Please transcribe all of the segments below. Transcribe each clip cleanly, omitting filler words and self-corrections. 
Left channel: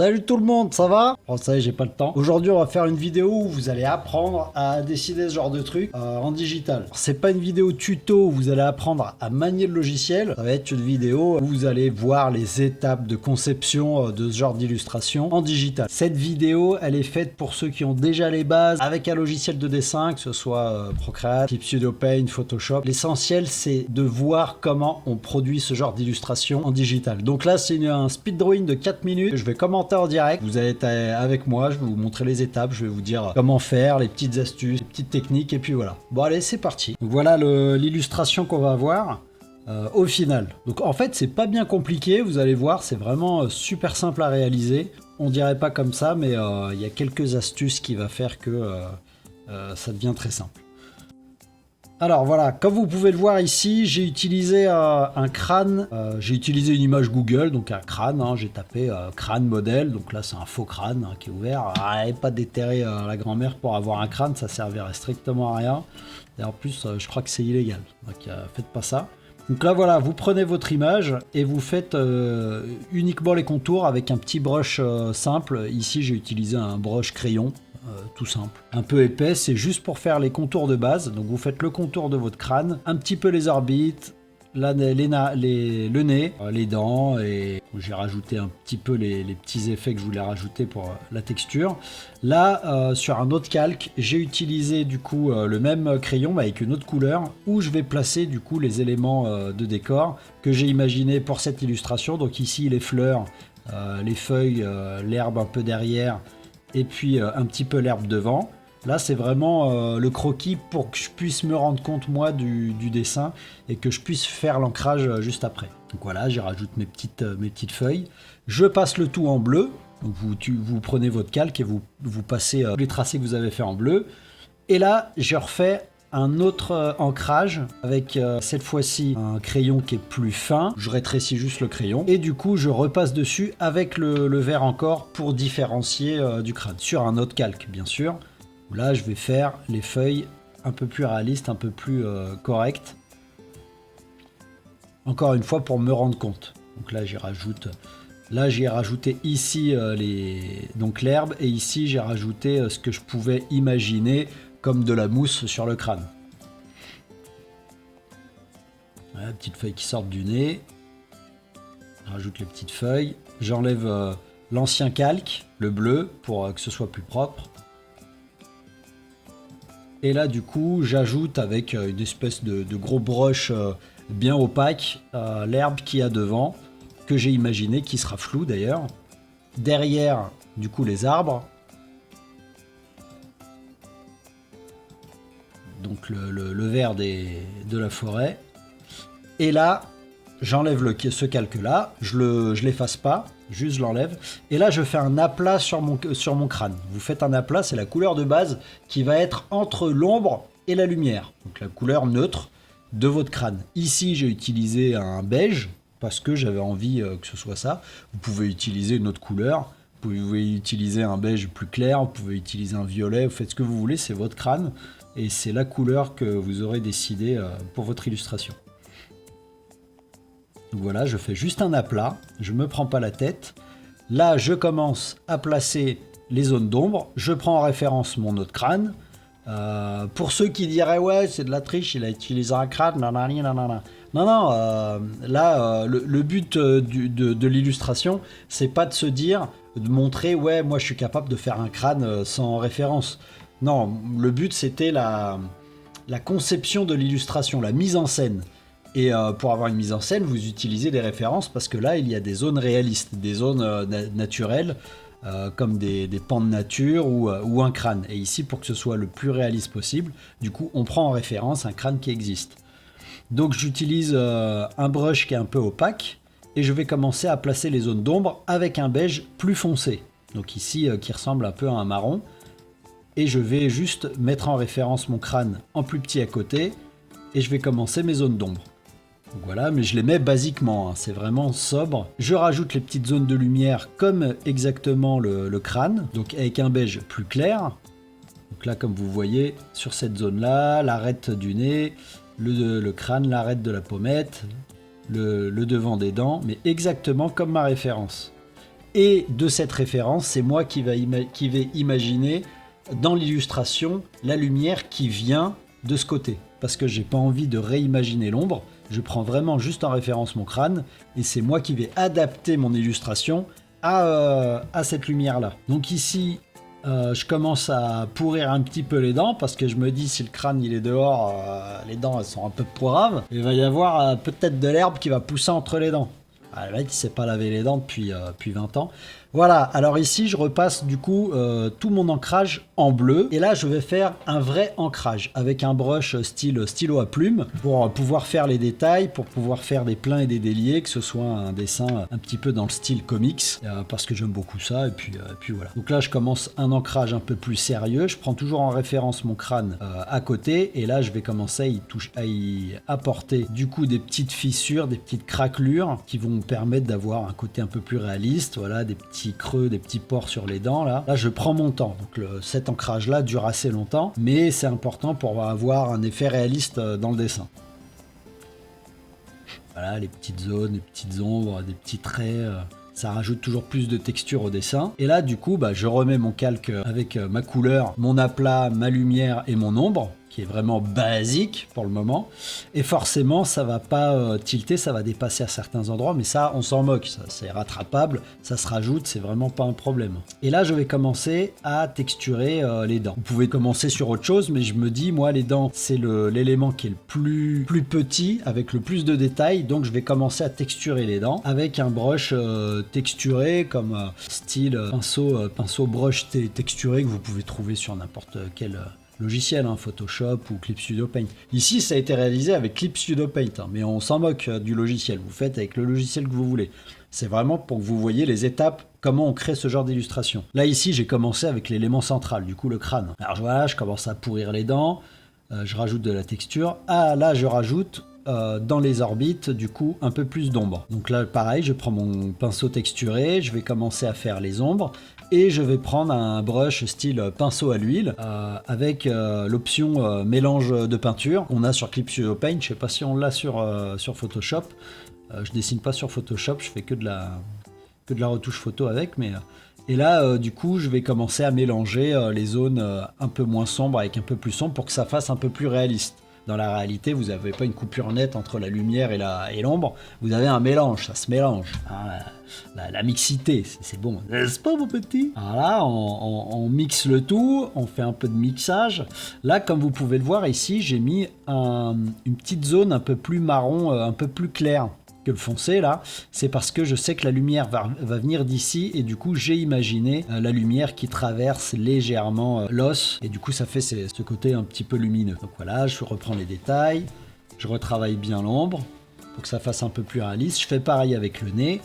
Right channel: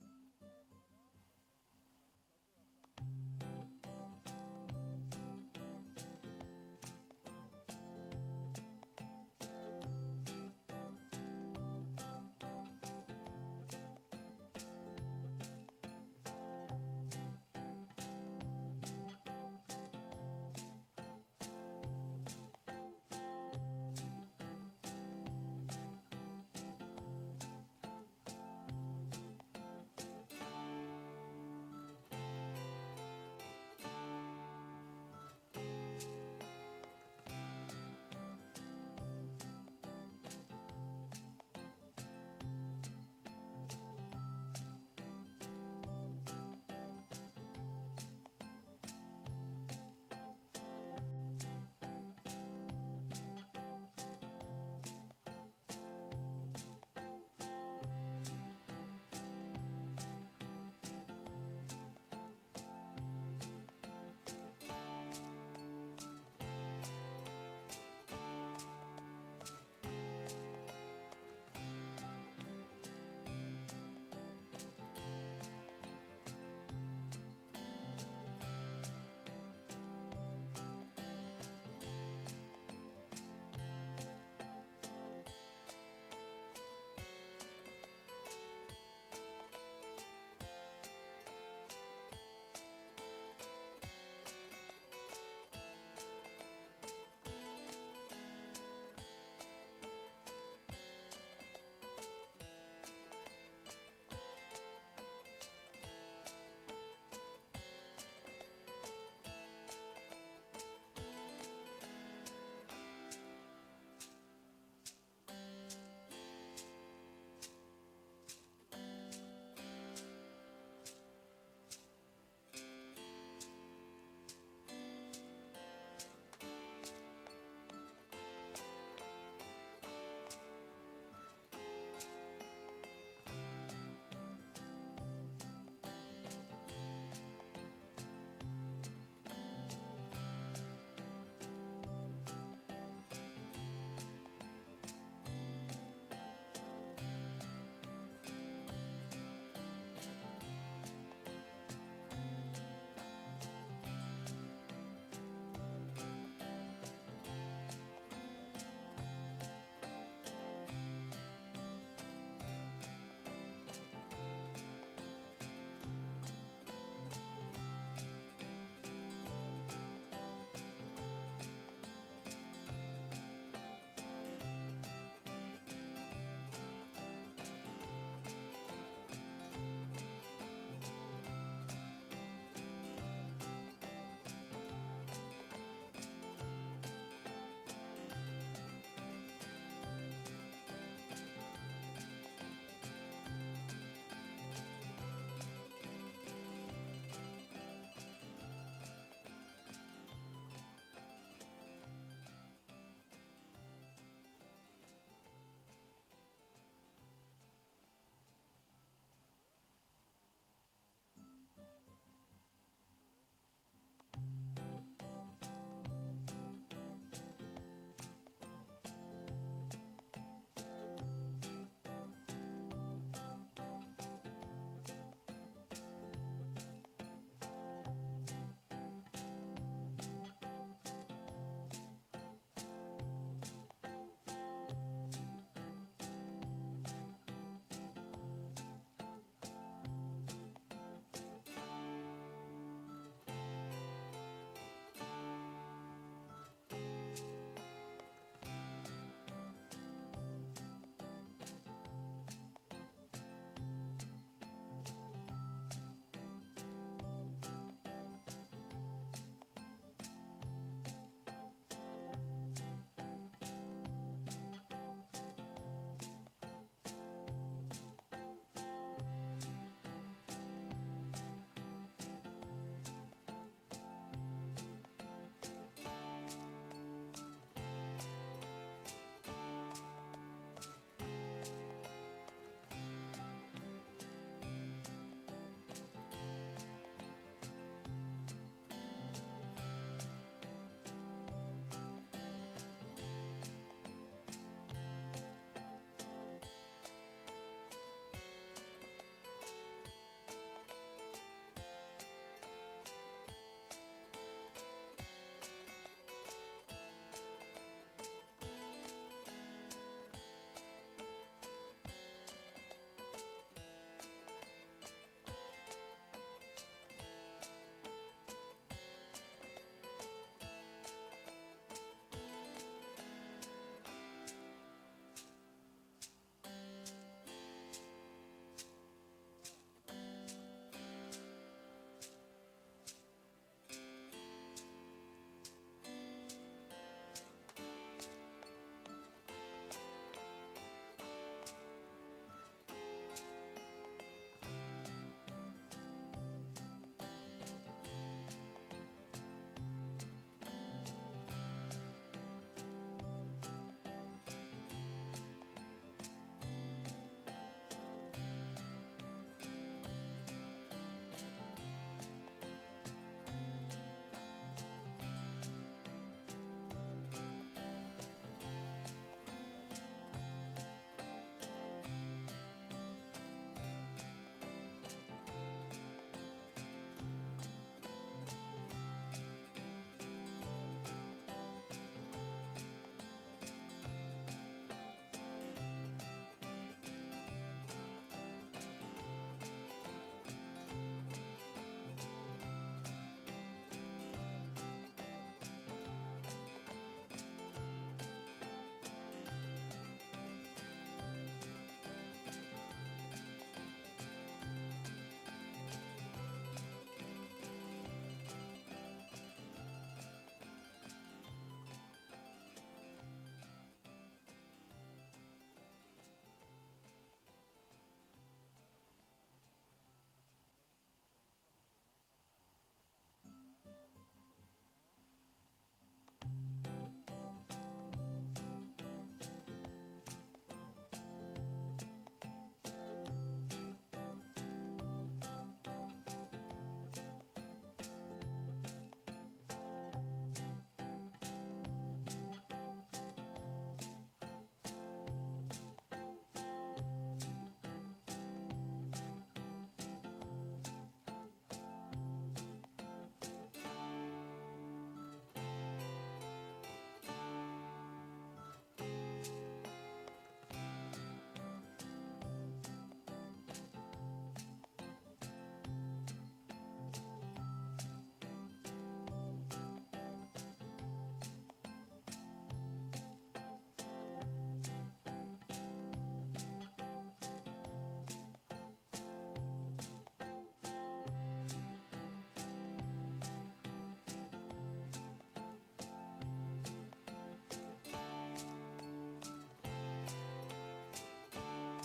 Salut tout le monde, ça va? Bon, ça y est, j'ai pas le temps. Aujourd'hui, on va faire une vidéo où vous allez apprendre à décider ce genre de truc en digital. C'est pas une vidéo tuto où vous allez apprendre à manier le logiciel. Ça va être une vidéo où vous allez voir les étapes de conception de ce genre d'illustration en digital. Cette vidéo, elle est faite pour ceux qui ont déjà les bases avec un logiciel de dessin, que ce soit Procreate, Clip Studio Paint, Photoshop. L'essentiel, c'est de voir comment on produit ce genre d'illustration en digital. Donc là, c'est un speed drawing de 4 minutes. Je vais commenter en direct. Vous allez être avec moi, je vais vous montrer les étapes, je vais vous dire comment faire, les petites astuces, les petites techniques, et puis voilà. Bon allez, c'est parti. Donc, voilà l'illustration qu'on va avoir au final. Donc en fait, c'est pas bien compliqué, vous allez voir, c'est vraiment super simple à réaliser. On dirait pas comme ça, mais il y a quelques astuces qui va faire que ça devient très simple. Alors voilà, comme vous pouvez le voir ici, j'ai utilisé un crâne, j'ai utilisé une image Google, donc un crâne, j'ai tapé crâne modèle, donc là c'est un faux crâne qui est ouvert. Et pas déterrer la grand-mère pour avoir un crâne, ça servirait strictement à rien. Et en plus, je crois que c'est illégal, donc faites pas ça. Donc là voilà, vous prenez votre image et vous faites uniquement les contours avec un petit brush simple. Ici j'ai utilisé un brush crayon. Tout simple, un peu épais, c'est juste pour faire les contours de base. Donc vous faites le contour de votre crâne, un petit peu les orbites, le nez, les dents, et j'ai rajouté un petit peu les petits effets que je voulais rajouter pour la texture. Là, sur un autre calque, j'ai utilisé du coup le même crayon mais avec une autre couleur, où je vais placer du coup les éléments de décor que j'ai imaginé pour cette illustration. Donc ici les fleurs, les feuilles, l'herbe un peu derrière, et puis un petit peu l'herbe devant. Là c'est vraiment le croquis pour que je puisse me rendre compte moi du dessin et que je puisse faire l'ancrage juste après. Donc voilà, j'y rajoute mes petites feuilles. Je passe le tout en bleu. Donc vous prenez votre calque et vous passez les tracés que vous avez fait en bleu. Et là je refais un autre ancrage avec cette fois-ci un crayon qui est plus fin. Je rétrécis juste le crayon et du coup je repasse dessus avec le vert encore pour différencier du crâne sur un autre calque bien sûr. Là je vais faire les feuilles un peu plus réalistes, un peu plus correctes, encore une fois pour me rendre compte. Donc là j'ai rajouté ici donc l'herbe, et ici j'ai rajouté ce que je pouvais imaginer comme de la mousse sur le crâne. Voilà, petites feuilles qui sortent du nez. Je rajoute les petites feuilles. J'enlève l'ancien calque, le bleu, pour que ce soit plus propre. Et là du coup j'ajoute avec une espèce de gros brush bien opaque l'herbe qu'il y a devant, que j'ai imaginé, qui sera flou d'ailleurs. Derrière du coup les arbres. Donc le vert de la forêt. Et là, j'enlève ce calque-là, je l'efface pas, juste je l'enlève. Et là, je fais un aplat sur mon crâne. Vous faites un aplat, c'est la couleur de base qui va être entre l'ombre et la lumière. Donc la couleur neutre de votre crâne. Ici, j'ai utilisé un beige, parce que j'avais envie que ce soit ça. Vous pouvez utiliser une autre couleur. Vous pouvez utiliser un beige plus clair, vous pouvez utiliser un violet, vous faites ce que vous voulez, c'est votre crâne. Et c'est la couleur que vous aurez décidé pour votre illustration. Donc voilà, je fais juste un aplat, je me prends pas la tête. Là, je commence à placer les zones d'ombre. Je prends en référence mon autre crâne. Pour ceux qui diraient ouais, c'est de la triche, il a utilisé un crâne, nanani, nanana. Non, là, le but de l'illustration, c'est pas de se dire, de montrer ouais, moi je suis capable de faire un crâne sans référence. Non, le but c'était la conception de l'illustration, la mise en scène. Et pour avoir une mise en scène, vous utilisez des références, parce que là, il y a des zones réalistes, des zones naturelles, comme des pans de nature ou un crâne. Et ici, pour que ce soit le plus réaliste possible, du coup, on prend en référence un crâne qui existe. Donc j'utilise un brush qui est un peu opaque, et je vais commencer à placer les zones d'ombre avec un beige plus foncé. Donc ici, qui ressemble un peu à un marron. Et je vais juste mettre en référence mon crâne en plus petit à côté, et je vais commencer mes zones d'ombre. Donc voilà, mais je les mets basiquement, c'est vraiment sobre. Je rajoute les petites zones de lumière comme exactement le crâne, donc avec un beige plus clair. Donc là, comme vous voyez, sur cette zone-là, l'arête du nez, le crâne, l'arête de la pommette, le devant des dents, mais exactement comme ma référence. Et de cette référence, c'est moi qui vais imaginer dans l'illustration la lumière qui vient de ce côté. Parce que j'ai pas envie de réimaginer l'ombre, je prends vraiment juste en référence mon crâne et c'est moi qui vais adapter mon illustration à cette lumière-là. Donc ici, je commence à pourrir un petit peu les dents parce que je me dis si le crâne il est dehors, les dents elles sont un peu poiraves, il va y avoir peut-être de l'herbe qui va pousser entre les dents. Ah, le mec il s'est pas lavé les dents depuis 20 ans. Voilà, alors ici je repasse du coup tout mon ancrage en bleu et là je vais faire un vrai ancrage avec un brush style stylo à plume pour pouvoir faire les détails, pour pouvoir faire des pleins et des déliés, que ce soit un dessin un petit peu dans le style comics parce que j'aime beaucoup ça et puis voilà. Donc là je commence un ancrage un peu plus sérieux, je prends toujours en référence mon crâne à côté et là je vais commencer à y apporter du coup des petites fissures, des petites craquelures qui vont me permettre d'avoir un côté un peu plus réaliste, voilà, des petits creux, des petits pores sur les dents là. Là je prends mon temps, donc cet ancrage là dure assez longtemps mais c'est important pour avoir un effet réaliste dans le dessin. Voilà, les petites zones, les petites ombres, des petits traits, ça rajoute toujours plus de texture au dessin. Et là du coup je remets mon calque avec ma couleur, mon aplat, ma lumière et mon ombre qui est vraiment basique pour le moment et forcément ça va pas tilter, ça va dépasser à certains endroits mais ça on s'en moque, ça c'est rattrapable, ça se rajoute, c'est vraiment pas un problème. Et là je vais commencer à texturer les dents. Vous pouvez commencer sur autre chose mais je me dis moi les dents c'est l'élément qui est le plus petit avec le plus de détails, donc je vais commencer à texturer les dents avec un brush texturé comme style pinceau brush texturé que vous pouvez trouver sur n'importe quel logiciel, Photoshop ou Clip Studio Paint. Ici, ça a été réalisé avec Clip Studio Paint, mais on s'en moque du logiciel. Vous faites avec le logiciel que vous voulez. C'est vraiment pour que vous voyez les étapes, comment on crée ce genre d'illustration. Là, ici, j'ai commencé avec l'élément central, du coup, le crâne. Alors voilà, je commence à pourrir les dents, je rajoute de la texture. Ah, là, je rajoute dans les orbites, du coup, un peu plus d'ombre. Donc là, pareil, je prends mon pinceau texturé, je vais commencer à faire les ombres. Et je vais prendre un brush style pinceau à l'huile avec l'option mélange de peinture qu'on a sur Clip Studio Paint. Je sais pas si on l'a sur Photoshop. Je dessine pas sur Photoshop, je fais que de la retouche photo avec. Et là, du coup, je vais commencer à mélanger les zones un peu moins sombres avec un peu plus sombre pour que ça fasse un peu plus réaliste. Dans la réalité, vous n'avez pas une coupure nette entre la lumière et l'ombre, vous avez un mélange, ça se mélange. La mixité, c'est bon, n'est-ce pas mon petit? Alors là, on mixe le tout, on fait un peu de mixage. Là, comme vous pouvez le voir ici, j'ai mis une petite zone un peu plus marron, un peu plus claire que le foncé là, c'est parce que je sais que la lumière va venir d'ici et du coup j'ai imaginé la lumière qui traverse légèrement l'os et du coup ça fait ce côté un petit peu lumineux. Donc voilà, je reprends les détails, je retravaille bien l'ombre pour que ça fasse un peu plus réaliste. Je fais pareil avec le nez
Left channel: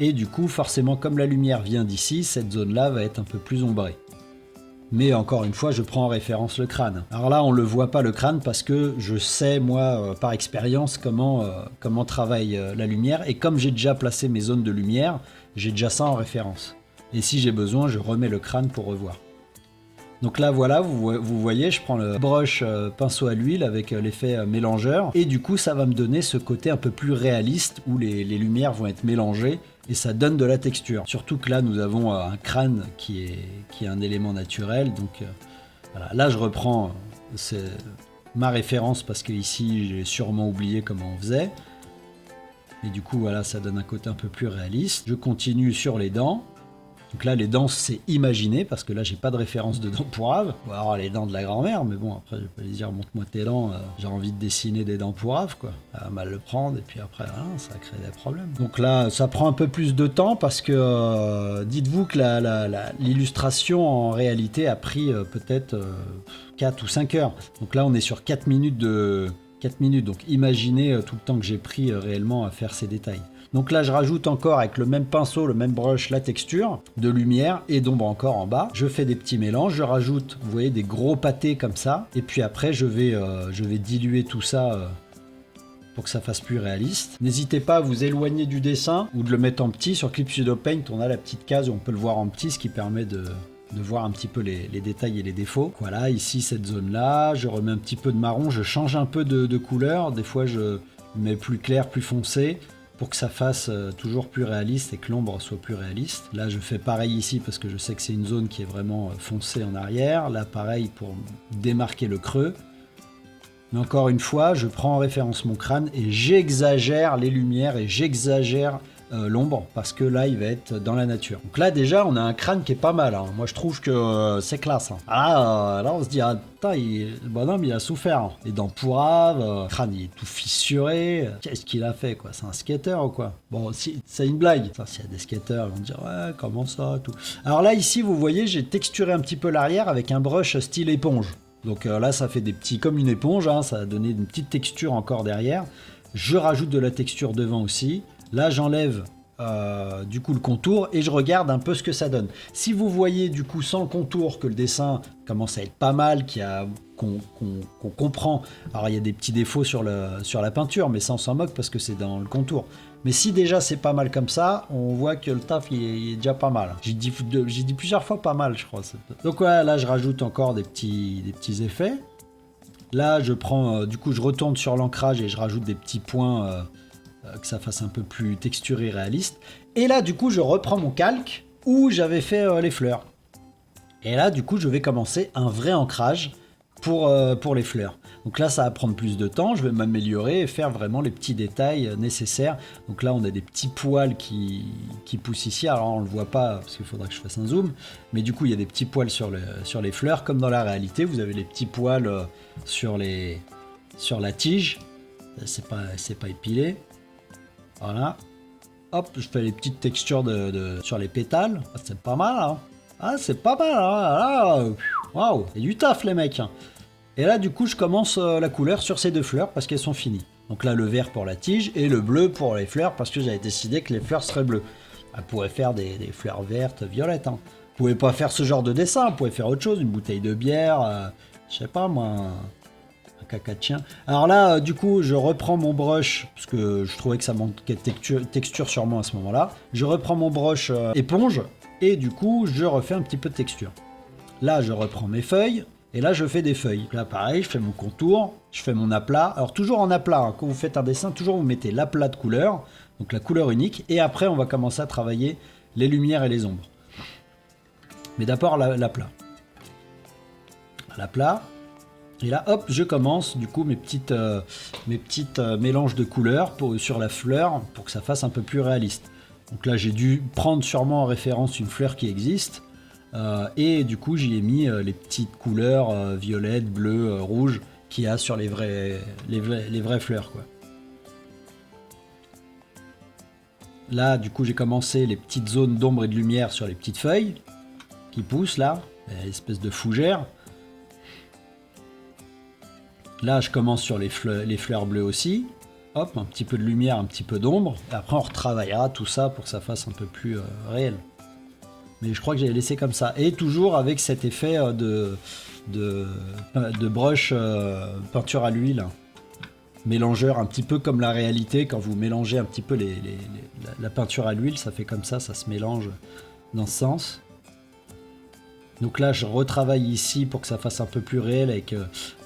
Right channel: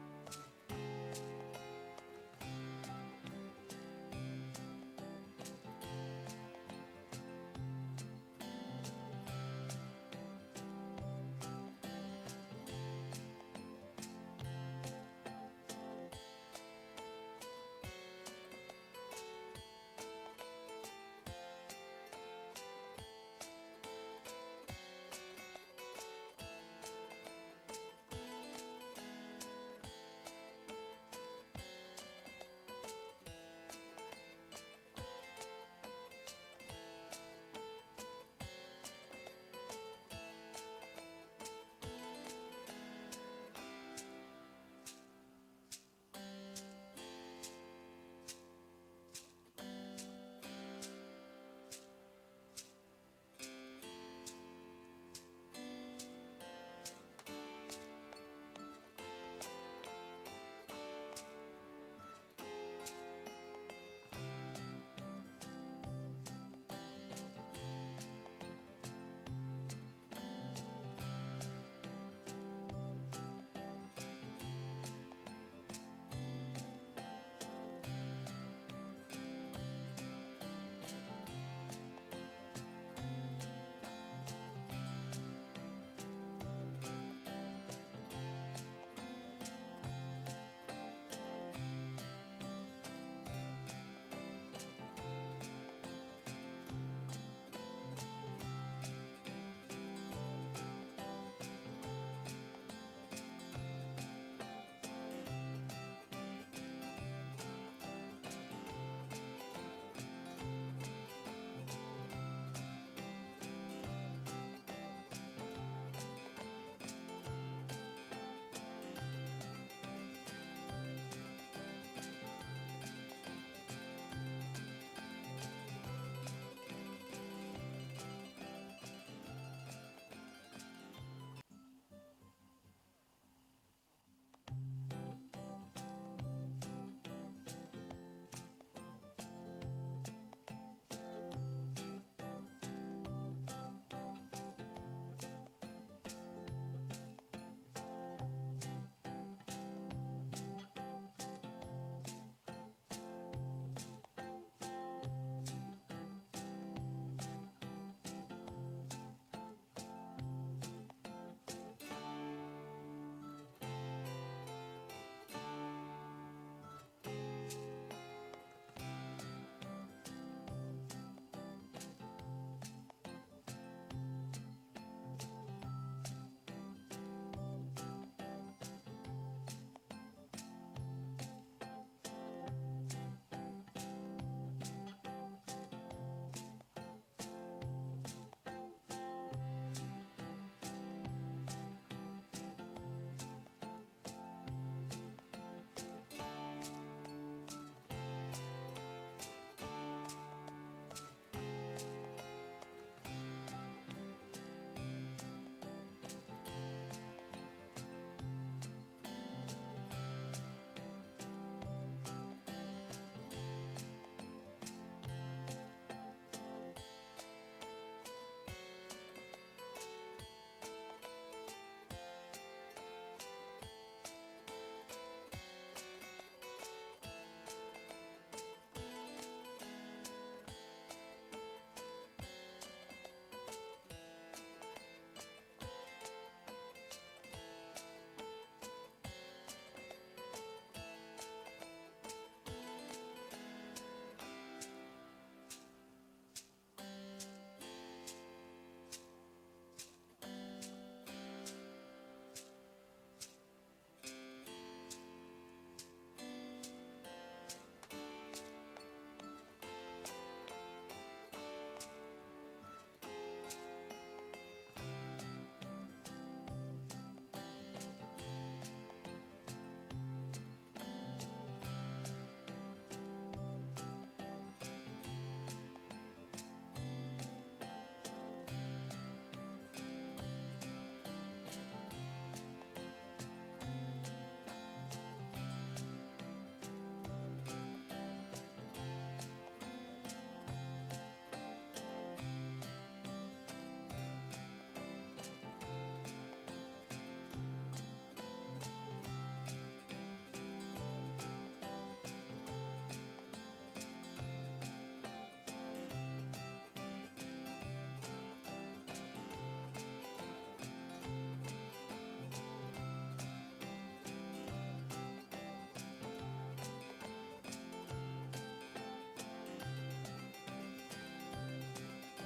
et du coup forcément comme la lumière vient d'ici, cette zone là va être un peu plus ombrée. Mais encore une fois, je prends en référence le crâne. Alors là, on ne le voit pas le crâne parce que je sais, moi, par expérience, comment travaille la lumière. Et comme j'ai déjà placé mes zones de lumière, j'ai déjà ça en référence. Et si j'ai besoin, je remets le crâne pour revoir. Donc là, voilà, vous voyez, je prends le brush pinceau à l'huile avec l'effet mélangeur. Et du coup, ça va me donner ce côté un peu plus réaliste où les lumières vont être mélangées. Et ça donne de la texture. Surtout que là, nous avons un crâne qui est un élément naturel. Donc voilà. Là, je reprends ma référence parce que ici, j'ai sûrement oublié comment on faisait. Et du coup, voilà, ça donne un côté un peu plus réaliste. Je continue sur les dents. Donc là, les dents, c'est imaginé, parce que là, j'ai pas de référence de dents pourraves. Ou alors les dents de la grand-mère, mais bon, après, je vais pas lui dire, montre-moi tes dents, j'ai envie de dessiner des dents pourraves, quoi. Elle va mal le prendre, et puis après, ça crée des problèmes. Donc là, ça prend un peu plus de temps, parce que dites-vous que l'illustration, en réalité, a pris peut-être 4 ou 5 heures. Donc là, on est sur 4 minutes donc imaginez tout le temps que j'ai pris réellement à faire ces détails. Donc là, je rajoute encore avec le même pinceau, le même brush, la texture de lumière et d'ombre encore en bas. Je fais des petits mélanges, je rajoute, vous voyez, des gros pâtés comme ça. Et puis après, je vais diluer tout ça pour que ça fasse plus réaliste. N'hésitez pas à vous éloigner du dessin ou de le mettre en petit. Sur Clip Studio Paint, on a la petite case où on peut le voir en petit, ce qui permet de voir un petit peu les détails et les défauts. Voilà, ici, cette zone-là, je remets un petit peu de marron, je change un peu de couleur. Des fois, je mets plus clair, plus foncé, pour que ça fasse toujours plus réaliste et que l'ombre soit plus réaliste. Là je fais pareil ici parce que je sais que c'est une zone qui est vraiment foncée en arrière. Là pareil pour démarquer le creux. Mais encore une fois, je prends en référence mon crâne et j'exagère les lumières et j'exagère l'ombre parce que là il va être dans la nature. Donc là déjà on a un crâne qui est pas mal, hein. Moi je trouve que c'est classe, hein. Ah là on se dit ah putain le bonhomme il a souffert, hein. Les dents pourraves, le crâne il est tout fissuré, qu'est-ce qu'il a fait quoi, c'est un skater ou quoi? Bon si, c'est une blague, s'il y a des skateurs ils vont dire ouais comment ça tout. Alors là ici vous voyez j'ai texturé un petit peu l'arrière avec un brush style éponge. Donc là ça fait des petits comme une éponge, hein, ça a donné une petite texture encore derrière. Je rajoute de la texture devant aussi. Là j'enlève du coup le contour et je regarde un peu ce que ça donne. Si vous voyez du coup sans contour que le dessin commence à être pas mal, qu'on comprend, alors il y a des petits défauts sur la peinture mais ça on s'en moque parce que c'est dans le contour. Mais si déjà c'est pas mal comme ça, on voit que le taf il est déjà pas mal. J'ai dit plusieurs fois pas mal je crois. Donc ouais, là je rajoute encore des petits effets. Là je prends, du coup je retourne sur l'ancrage et je rajoute des petits points que ça fasse un peu plus texturé, réaliste. Et là du coup je reprends mon calque où j'avais fait les fleurs. Et là du coup je vais commencer un vrai ancrage pour les fleurs. Donc là ça va prendre plus de temps, je vais m'améliorer et faire vraiment les petits détails nécessaires. Donc là on a des petits poils qui poussent ici, alors on le voit pas parce qu'il faudra que je fasse un zoom, mais du coup il y a des petits poils sur les fleurs comme dans la réalité, vous avez les petits poils sur la tige, c'est pas épilé. Voilà. Hop, je fais les petites textures sur les pétales. Ah, c'est pas mal, hein. Ah, c'est pas mal, hein. Waouh, il y a du taf, les mecs. Et là, du coup, je commence la couleur sur ces deux fleurs parce qu'elles sont finies. Donc là, le vert pour la tige et le bleu pour les fleurs parce que j'avais décidé que les fleurs seraient bleues. On pourrait faire des fleurs vertes, violettes, hein. Vous pouvez pas faire ce genre de dessin, vous pouvez faire autre chose, une bouteille de bière, je sais pas moi... caca de chien. Alors là, du coup, je reprends mon brush, parce que je trouvais que ça manquait de texture sur moi à ce moment-là. Je reprends mon brush éponge, et du coup, je refais un petit peu de texture. Là, je reprends mes feuilles, et là, je fais des feuilles. Là, pareil, je fais mon contour, je fais mon aplat. Alors, toujours en aplat, hein. Quand vous faites un dessin, toujours vous mettez l'aplat de couleur, donc la couleur unique, et après, on va commencer à travailler les lumières et les ombres. Mais d'abord, l'aplat. L'aplat. Et là, hop, je commence du coup mes petites mélanges de couleurs sur la fleur pour que ça fasse un peu plus réaliste. Donc là, j'ai dû prendre sûrement en référence une fleur qui existe et du coup, j'y ai mis les petites couleurs violettes, bleues, rouges qu'il y a sur les vraies fleurs, quoi. Là, du coup, j'ai commencé les petites zones d'ombre et de lumière sur les petites feuilles qui poussent là, espèce de fougère. Là, je commence sur les fleurs bleues aussi. Hop, un petit peu de lumière, un petit peu d'ombre. Après, on retravaillera tout ça pour que ça fasse un peu plus réel. Mais je crois que j'ai laissé comme ça. Et toujours avec cet effet de brush peinture à l'huile. Mélangeur, un petit peu comme la réalité. Quand vous mélangez un petit peu la peinture à l'huile, ça fait comme ça se mélange dans ce sens. Donc là, je retravaille ici pour que ça fasse un peu plus réel avec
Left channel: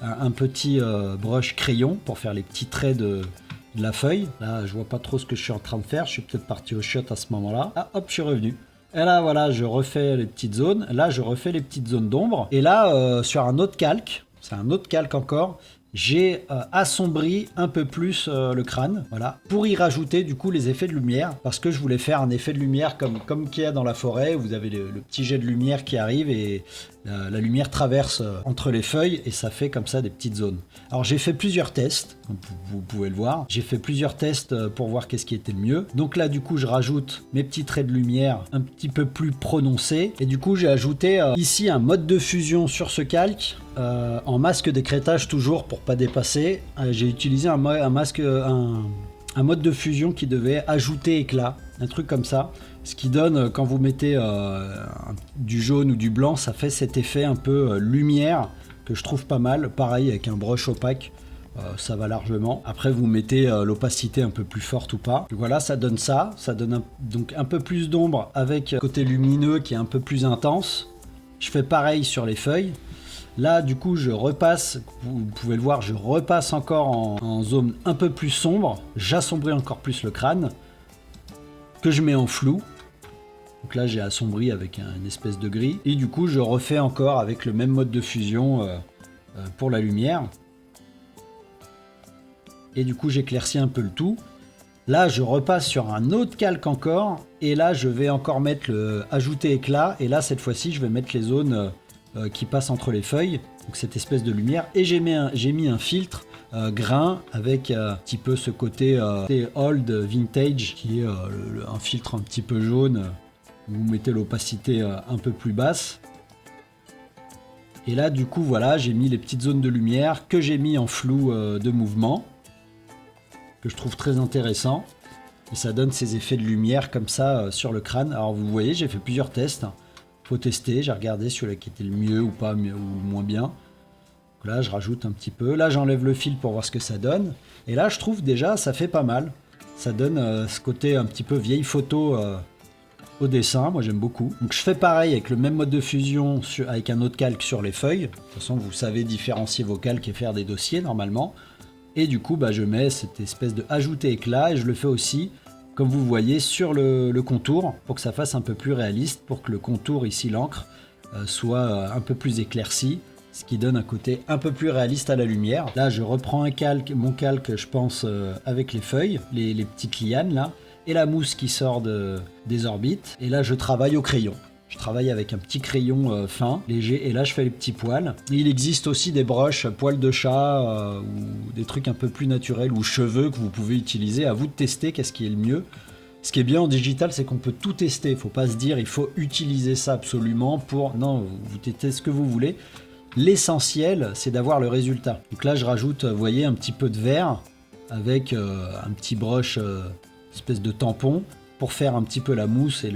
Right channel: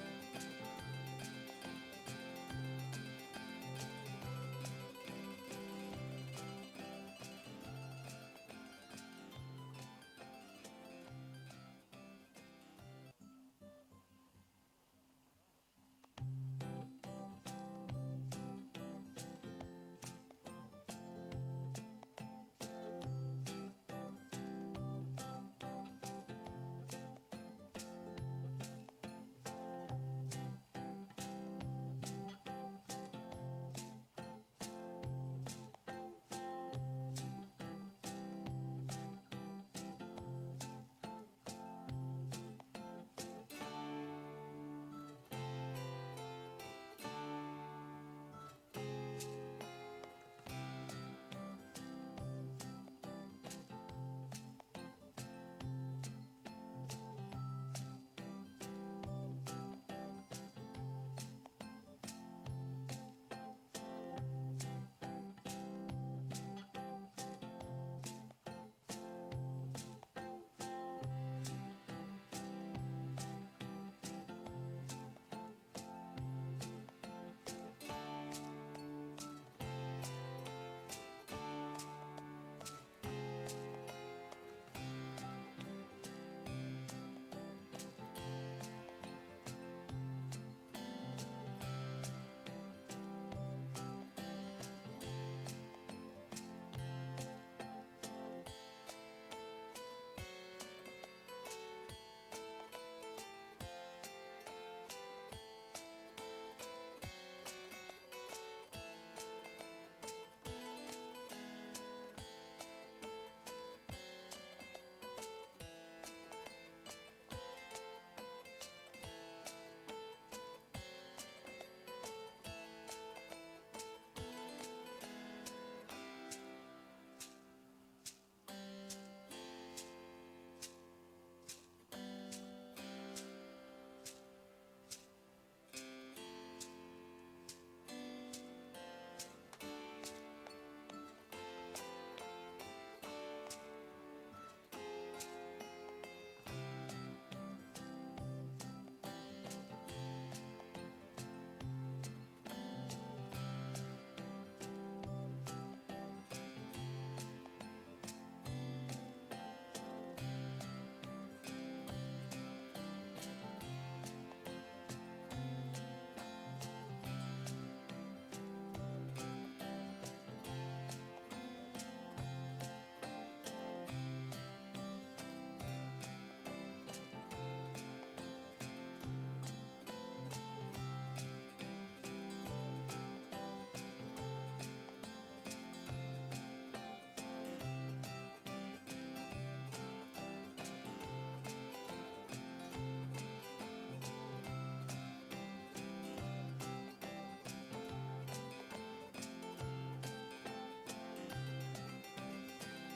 un petit brush crayon pour faire les petits traits de la feuille. Là, je vois pas trop ce que je suis en train de faire. Je suis peut-être parti au shot à ce moment-là. Ah, hop, je suis revenu. Et là, voilà, je refais les petites zones. Là, je refais les petites zones d'ombre. Et là, sur un autre calque, c'est un autre calque encore, j'ai assombri un peu plus le crâne, voilà, pour y rajouter du coup les effets de lumière, parce que je voulais faire un effet de lumière comme qu'il y a dans la forêt, où vous avez le petit jet de lumière qui arrive et la lumière traverse entre les feuilles et ça fait comme ça des petites zones. Alors j'ai fait plusieurs tests, vous pouvez le voir, j'ai fait plusieurs tests pour voir qu'est-ce qui était le mieux. Donc là du coup je rajoute mes petits traits de lumière un petit peu plus prononcés et du coup j'ai ajouté ici un mode de fusion sur ce calque en masque d'écrêtage toujours pour pas dépasser. J'ai utilisé un mode de fusion qui devait ajouter éclat, un truc comme ça. Ce qui donne, quand vous mettez du jaune ou du blanc, ça fait cet effet un peu lumière que je trouve pas mal. Pareil avec un brush opaque, ça va largement. Après vous mettez l'opacité un peu plus forte ou pas. Donc voilà, ça donne ça. Ça donne donc un peu plus d'ombre avec côté lumineux qui est un peu plus intense. Je fais pareil sur les feuilles. Là du coup je repasse, vous pouvez le voir, je repasse encore en zone un peu plus sombre, j'assombris encore plus le crâne. que je mets en flou. Donc là j'ai assombri avec une espèce de gris. Et du coup je refais encore avec le même mode de fusion pour la lumière. Et du coup j'éclaircis un peu le tout. Là je repasse sur un autre calque encore. Et là je vais encore mettre le ajouter éclat. Et là cette fois-ci je vais mettre les zones qui passent entre les feuilles. Donc cette espèce de lumière. Et j'ai mis un filtre grain avec un petit peu ce côté old vintage qui est un filtre un petit peu jaune. Vous mettez l'opacité un peu plus basse. Et là du coup voilà, j'ai mis les petites zones de lumière que j'ai mis en flou de mouvement, que je trouve très intéressant. Et ça donne ces effets de lumière comme ça sur le crâne. Alors vous voyez, j'ai fait plusieurs tests. Faut tester, j'ai regardé celui qui était le mieux ou pas, mieux ou moins bien. Donc là je rajoute un petit peu. Là j'enlève le fil pour voir ce que ça donne. Et là je trouve déjà ça fait pas mal. Ça donne ce côté un petit peu vieille photo au dessin, moi j'aime beaucoup. Donc je fais pareil avec le même mode de fusion avec un autre calque sur les feuilles. De toute façon vous savez différencier vos calques et faire des dossiers normalement. Et du coup je mets cette espèce de ajouter éclat et je le fais aussi comme vous voyez sur le contour pour que ça fasse un peu plus réaliste, pour que le contour ici l'encre soit un peu plus éclairci, ce qui donne un côté un peu plus réaliste à la lumière. Là je reprends mon calque je pense avec les feuilles, les petites lianes là. Et la mousse qui sort des orbites. Et là, je travaille au crayon. Je travaille avec un petit crayon fin, léger. Et là, je fais les petits poils. Et il existe aussi des brushes poils de chat ou des trucs un peu plus naturels ou cheveux que vous pouvez utiliser. À vous de tester qu'est-ce qui est le mieux. Ce qui est bien en digital, c'est qu'on peut tout tester. Il ne faut pas se dire il faut utiliser ça absolument pour... Non, vous testez ce que vous voulez. L'essentiel, c'est d'avoir le résultat. Donc là, je rajoute, vous voyez, un petit peu de vert avec un petit brush... espèce de tampon pour faire un petit peu la mousse et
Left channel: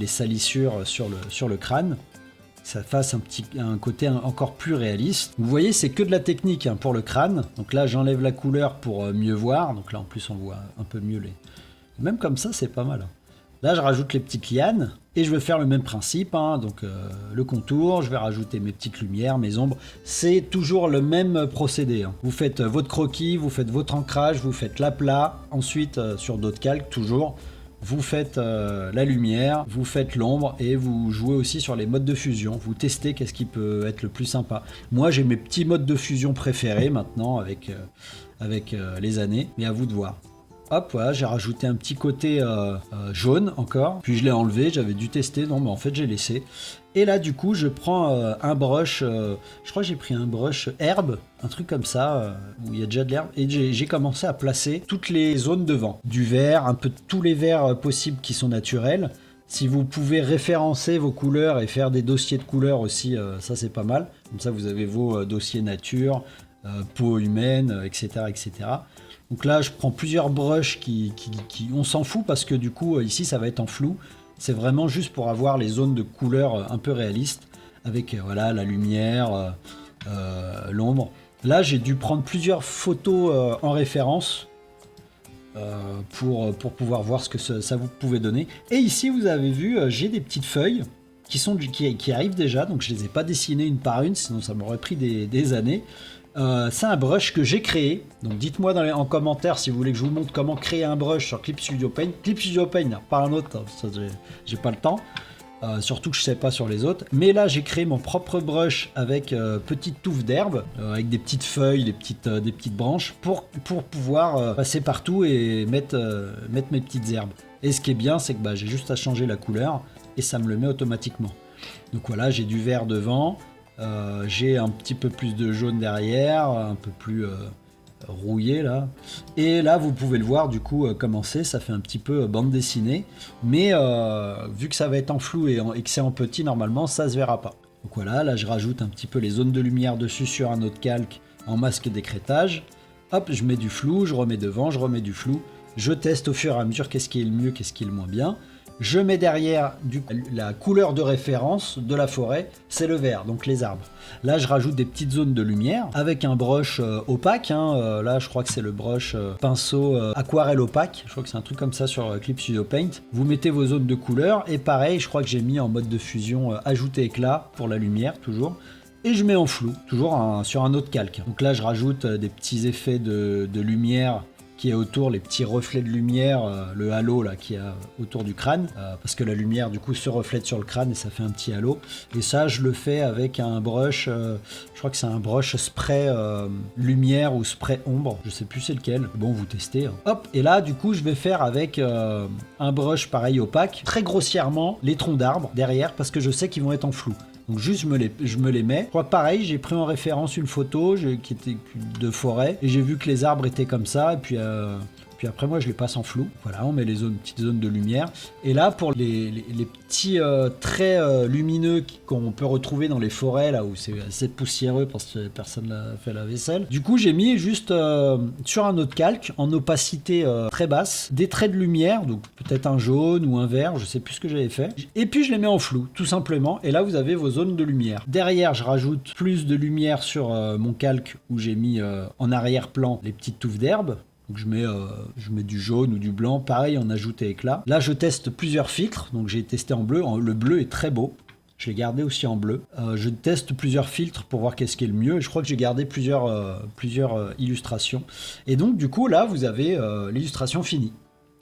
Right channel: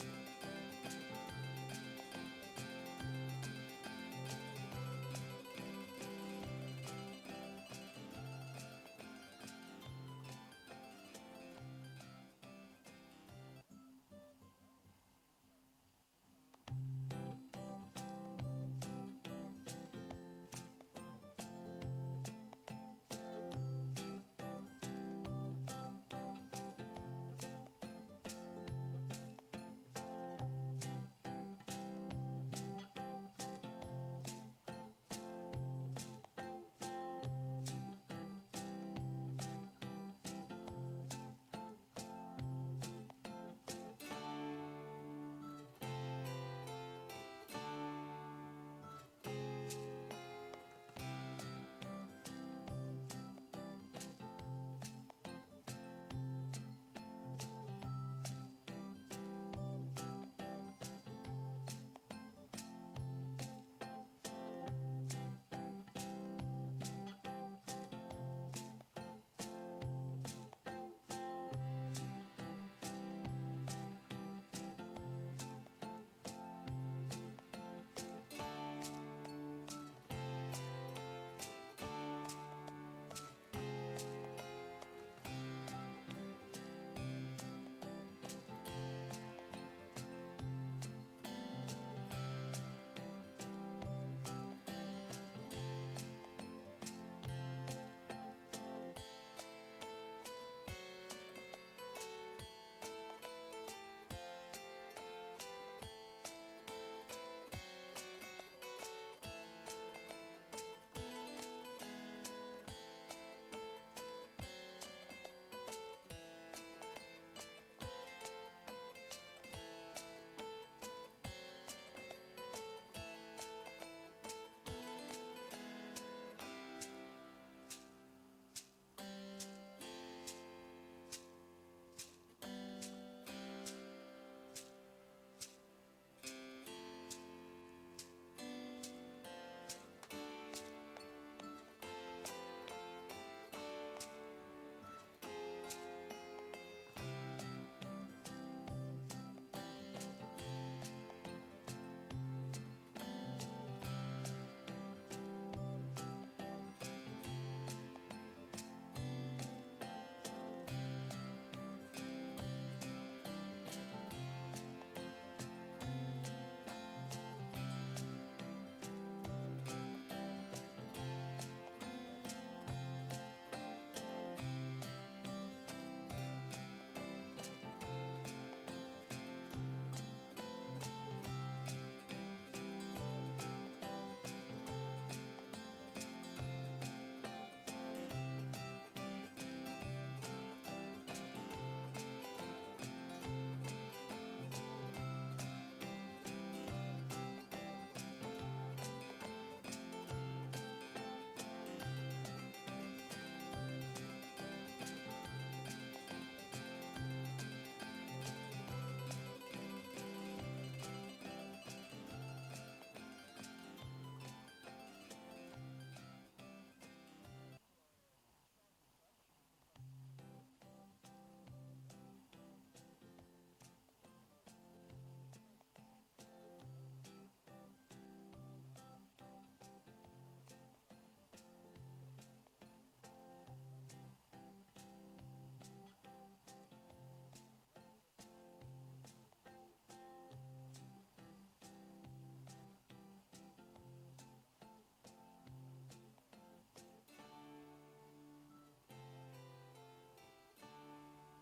les salissures sur le crâne, que ça fasse un côté encore plus réaliste. Vous voyez, c'est que de la technique pour le crâne. Donc là j'enlève la couleur pour mieux voir, donc là en plus on voit un peu mieux même comme ça c'est pas mal. Là je rajoute les petites lianes et je vais faire le même principe, donc le contour, je vais rajouter mes petites lumières, mes ombres, c'est toujours le même procédé. Vous faites votre croquis, vous faites votre ancrage, vous faites l'aplat, ensuite sur d'autres calques toujours, vous faites la lumière, vous faites l'ombre et vous jouez aussi sur les modes de fusion, vous testez qu'est-ce qui peut être le plus sympa. Moi j'ai mes petits modes de fusion préférés maintenant avec les années, mais à vous de voir. Hop, voilà, j'ai rajouté un petit côté jaune encore, puis je l'ai enlevé, j'avais dû tester, non mais en fait j'ai laissé. Et là du coup je prends un brush, je crois que j'ai pris un brush herbe, un truc comme ça, où il y a déjà de l'herbe, et j'ai commencé à placer toutes les zones de vent. Du vert, un peu de tous les verts possibles qui sont naturels. Si vous pouvez référencer vos couleurs et faire des dossiers de couleurs aussi, ça c'est pas mal. Comme ça vous avez vos dossiers nature, peau humaine, etc., etc. Donc là, je prends plusieurs brushes qui on s'en fout parce que du coup, ici, ça va être en flou. C'est vraiment juste pour avoir les zones de couleurs un peu réalistes avec voilà, la lumière, l'ombre. Là, j'ai dû prendre plusieurs photos en référence pour pouvoir voir ce que ça vous pouvait donner. Et ici, vous avez vu, j'ai des petites feuilles qui arrivent déjà. Donc, je ne les ai pas dessinées une par une, sinon ça m'aurait pris des années. C'est un brush que j'ai créé, donc dites-moi en commentaire si vous voulez que je vous montre comment créer un brush sur Clip Studio Paint. Clip Studio Paint, pas un autre, ça, j'ai pas le temps, surtout que je sais pas sur les autres. Mais là j'ai créé mon propre brush avec petite touffe d'herbe, avec des petites feuilles, des petites branches, pour pouvoir passer partout et mettre mes petites herbes. Et ce qui est bien, c'est que j'ai juste à changer la couleur et ça me le met automatiquement. Donc voilà, j'ai du vert devant. J'ai un petit peu plus de jaune derrière, un peu plus rouillé là. Et là, vous pouvez le voir du coup comment c'est. Ça fait un petit peu bande dessinée. Mais vu que ça va être en flou et que c'est en petit, normalement, ça se verra pas. Donc voilà, là je rajoute un petit peu les zones de lumière dessus sur un autre calque en masque d'écrêtage. Hop, je mets du flou, je remets devant, je remets du flou. Je teste au fur et à mesure qu'est-ce qui est le mieux, qu'est-ce qui est le moins bien. Je mets derrière la couleur de référence de la forêt, c'est le vert, donc les arbres. Là, je rajoute des petites zones de lumière avec un brush opaque. Là, je crois que c'est le brush pinceau aquarelle opaque. Je crois que c'est un truc comme ça sur Clip Studio Paint. Vous mettez vos zones de couleur et pareil, je crois que j'ai mis en mode de fusion ajouter éclat pour la lumière toujours. Et je mets en flou, toujours sur un autre calque. Donc là, je rajoute des petits effets de lumière qui est autour, les petits reflets de lumière, le halo là qui est autour du crâne, parce que la lumière du coup se reflète sur le crâne et ça fait un petit halo. Et ça je le fais avec un brush, je crois que c'est un brush spray lumière ou spray ombre, je sais plus c'est lequel, bon vous testez. Hein. Hop, et là du coup je vais faire avec un brush pareil opaque, très grossièrement les troncs d'arbres derrière parce que je sais qu'ils vont être en flou. Donc juste je me les mets. Je crois pareil, j'ai pris en référence une photo qui était de forêt et j'ai vu que les arbres étaient comme ça et puis après moi je les passe en flou. Voilà, on met les petites zones de lumière. Et là pour les petits traits lumineux qu'on peut retrouver dans les forêts là où c'est assez poussiéreux parce que personne n'a fait la vaisselle. Du coup j'ai mis juste sur un autre calque en opacité très basse des traits de lumière, donc peut-être un jaune ou un vert, je sais plus ce que j'avais fait. Et puis je les mets en flou tout simplement et là vous avez vos zones de lumière. Derrière je rajoute plus de lumière sur mon calque où j'ai mis en arrière-plan les petites touffes d'herbe. Donc je mets du jaune ou du blanc, pareil en ajoute et éclat. Là je teste plusieurs filtres, donc j'ai testé en bleu, le bleu est très beau. Je l'ai gardé aussi en bleu. Je teste plusieurs filtres pour voir qu'est-ce qui est le mieux. Et je crois que j'ai gardé plusieurs illustrations. Et donc du coup là vous avez l'illustration finie.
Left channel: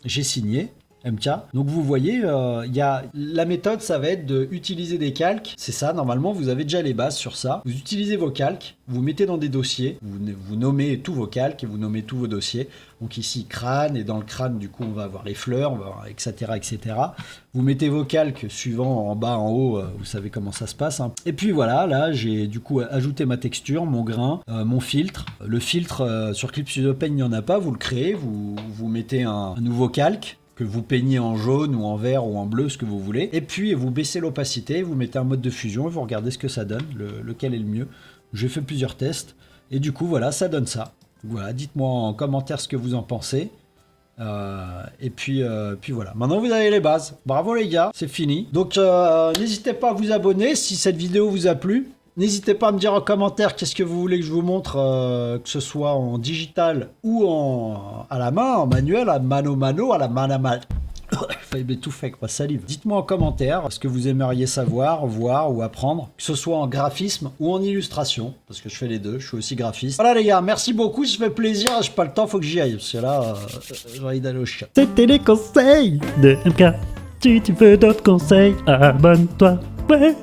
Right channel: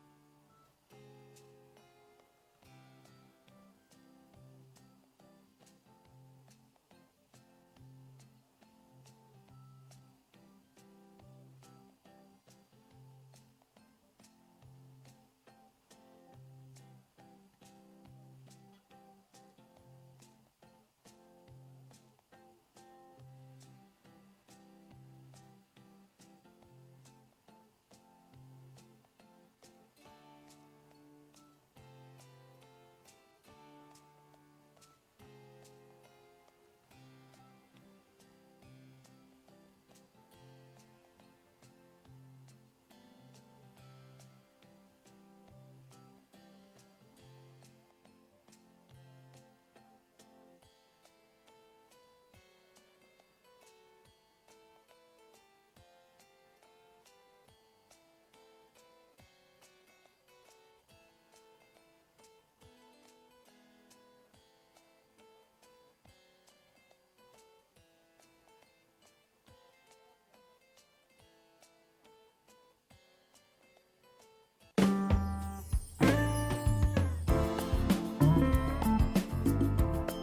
J'ai signé. MK. Donc vous voyez, la méthode ça va être d'utiliser des calques, c'est ça, normalement vous avez déjà les bases sur ça, vous utilisez vos calques, vous mettez dans des dossiers, vous nommez tous vos calques et vous nommez tous vos dossiers, donc ici crâne, et dans le crâne du coup on va avoir les fleurs, on va avoir etc. Vous mettez vos calques suivant en bas, en haut, vous savez comment ça se passe, hein. Et puis voilà, là j'ai du coup ajouté ma texture, mon grain, mon filtre, le filtre sur Clip Studio Paint il n'y en a pas, vous le créez, vous mettez un nouveau calque, que vous peignez en jaune ou en vert ou en bleu, ce que vous voulez. Et puis vous baissez l'opacité, vous mettez un mode de fusion et vous regardez ce que ça donne, lequel est le mieux. J'ai fait plusieurs tests et du coup voilà, ça donne ça. Voilà, dites-moi en commentaire ce que vous en pensez. Et puis voilà, maintenant vous avez les bases. Bravo les gars, c'est fini. Donc n'hésitez pas à vous abonner si cette vidéo vous a plu. N'hésitez pas à me dire en commentaire qu'est-ce que vous voulez que je vous montre, que ce soit en digital ou à la main, en manuel, à mano, à la main à main. Failli m'étouffer quoi, salive. Dites-moi en commentaire ce que vous aimeriez savoir, voir ou apprendre, que ce soit en graphisme ou en illustration, parce que je fais les deux, je suis aussi graphiste. Voilà les gars, merci beaucoup, ça fait plaisir, j'ai pas le temps, faut que j'y aille, parce que là, j'ai envie d'aller au chien. C'était les conseils de MK. Si tu veux d'autres conseils, abonne-toi. Ouais.